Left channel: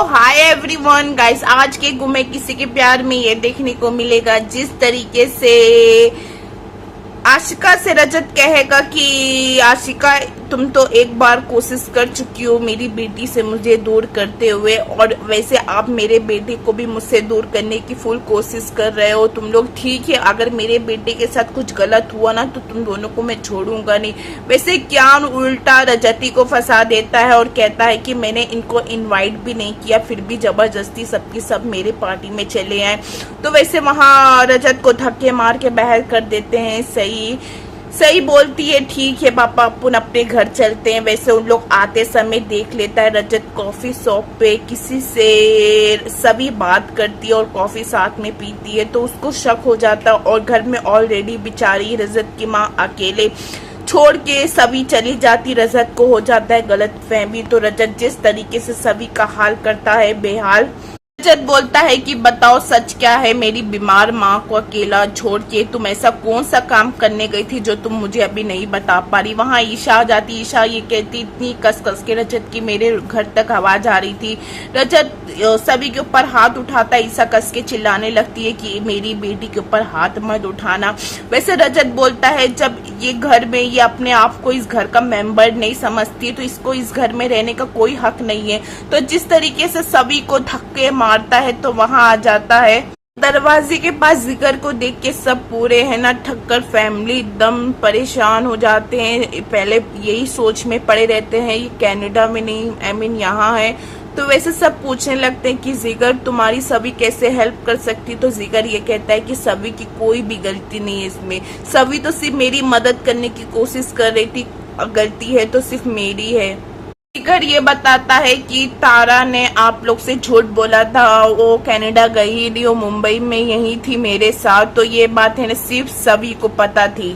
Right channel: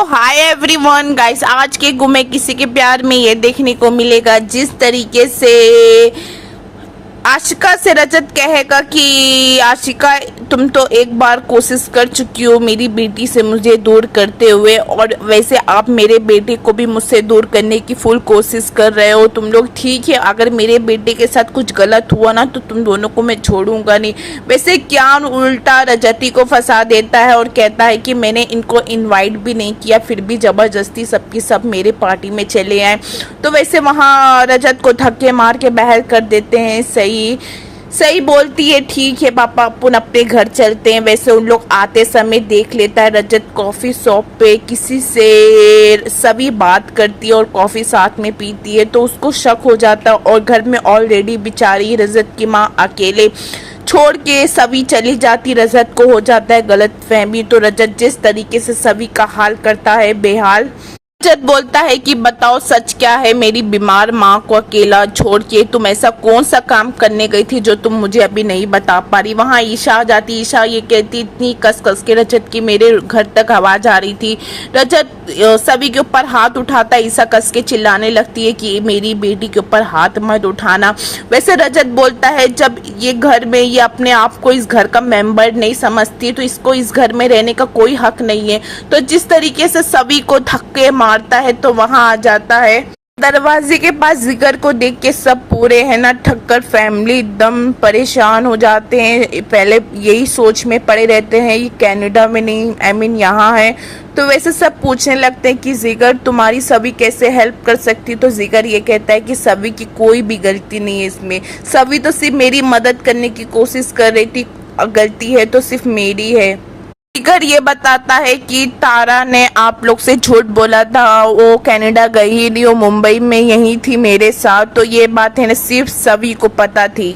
Hi everyone guys, आज के गुमे किसी के प्यार में ये देखने को मिलेगा जिस तरीके से आशिका से रजत कहेगा कि आशिका तुम तो एक बार कोशिश कर चुकी हो मेरी बेटी से मुझे दूर करते हुए, और वैसे आप मेरे बेटे को भी मुझसे दूर करने की फुल कोशिश कर रहे हो। तुम लोग ठीक है, अगर मेरे बेटे के साथ कुछ गलत हुआ ना तो तुम दोनों को मैं छोड़ूंगा नहीं। वैसे क्या उल्टा रजती को फंसा देता है और कहता है कि मैंने इनको इनवाइट भी नहीं किया, फिर भी जबरदस्ती सबकी सब मेरे पार्टी में चले आए। तो वैसे वहाँ रजत को धक्के मार के बाहर कर देते हैं। सही सही बोलती है, ठीक है पापा अपन अपने घर चलते हैं। वैसे उन लोग आते समय देख लेता है रजत कॉफी शॉप पे किसी से सभी बात करती है और कॉफी साथ में पीती है, तो उसको शक हो जाता है। और घर में ऑलरेडी बेचारी रजत की माँ अकेले छोड़ के सभी चली जाती, रजत को हो जाता है गलत फहमी। तो रजत जिस तरीके से सभी का हाल करता है बेहाल, रजत बोलता है कि बताओ सच क्या है, मेरी बीमार माँ को अकेला छोड़ के तुम ऐसा कौन सा काम करने गई थी जो तुम मुझे अभी नहीं बता पा रही। वहाँ ईशा आ जाती, ईशा ये कहती इतनी कस कस के रजत की मेरे घर तक आवाज आ रही थी। रजत सभी के ऊपर हाथ उठाता है, ईशा कस के चिल्लाने लगती है कि मेरी बेटी के ऊपर हाथ मत उठाना। वैसे रजत बोलता है जब ये घर में ये अपने आप को इस घर का मेंबर नहीं समझती तो इसको इस घर में रहने का कोई हक नहीं है। तो जिस तरीके से सभी को धक्के मारता है तो वहां आ जाता है दरवाजे के पास। जिगर को देख के सब पूरे है ना ठक्कर फैमिली एकदम परेशान हो जाते हैं। पहले यही सोच में पड़े रहते हैं ये कनाडा में नहीं, आई मीन यहाँ है। तो वैसे सब पूछने लगते हैं कि जिगर तुम्हारी सभी कैसे हेल्प कर सकती। तो जिगर ये कहता है कि सभी की कोई भी गलती नहीं है इसमें, सभी तो सिर्फ मेरी मदद करने की कोशिश कर रही थी, गलती है तो सिर्फ मेरी है। जिगर ये बताता है कि तारा ने आप लोग से झूठ बोला था, वो कनाडा गई ही नहीं, वो मुंबई में यही थी मेरे साथ। तो ये बात है ना सिर्फ सभी को पता थी।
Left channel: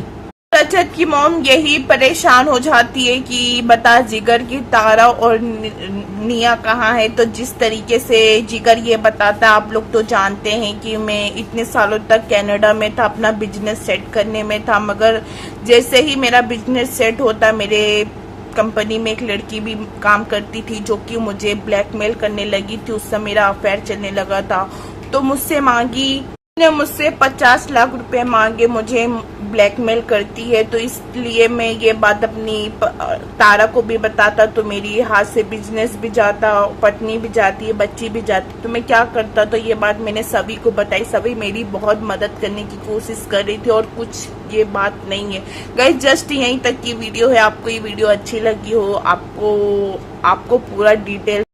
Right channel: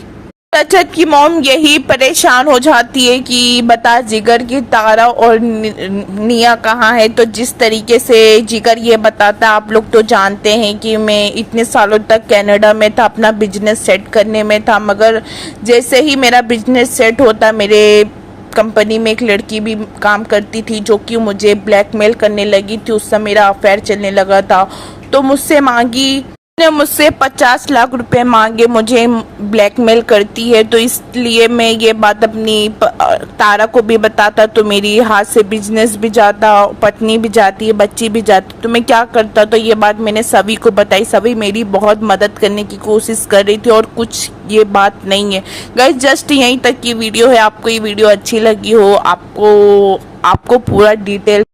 रजत की मॉम यही परेशान हो जाती है कि बता जिगर की तारा और निया कहाँ है। तो जिस तरीके से जिगर ये बताता है, आप लोग तो जानते हैं कि मैं इतने सालों तक कनाडा में था, अपना बिजनेस सेट करने में था, मगर जैसे ही मेरा बिजनेस सेट होता मेरे कंपनी में एक लड़की भी काम करती थी जो कि मुझे ब्लैकमेल करने लगी थी। उससे मेरा अफेयर चलने लगा था, तो मुझसे मांगी, ने मुझसे 50 लाख रुपए मांगे, मुझे ब्लैकमेल करती है। तो इसलिए मैं ये बात अपनी तारा को भी बताता तो मेरी हाथ से बिजनेस भी जाता, पत्नी भी जाती है, बच्ची भी जाती, तो मैं क्या करता। तो ये बात मैंने सभी को बताई, सभी मेरी बहुत मदद करने की कोशिश कर रही थी और कुछ ये बात नहीं है। गाइस जस्ट यहीं तक की वीडियो है। आपको ये वीडियो अच्छी लगी हो, आपको पूरा डिटेल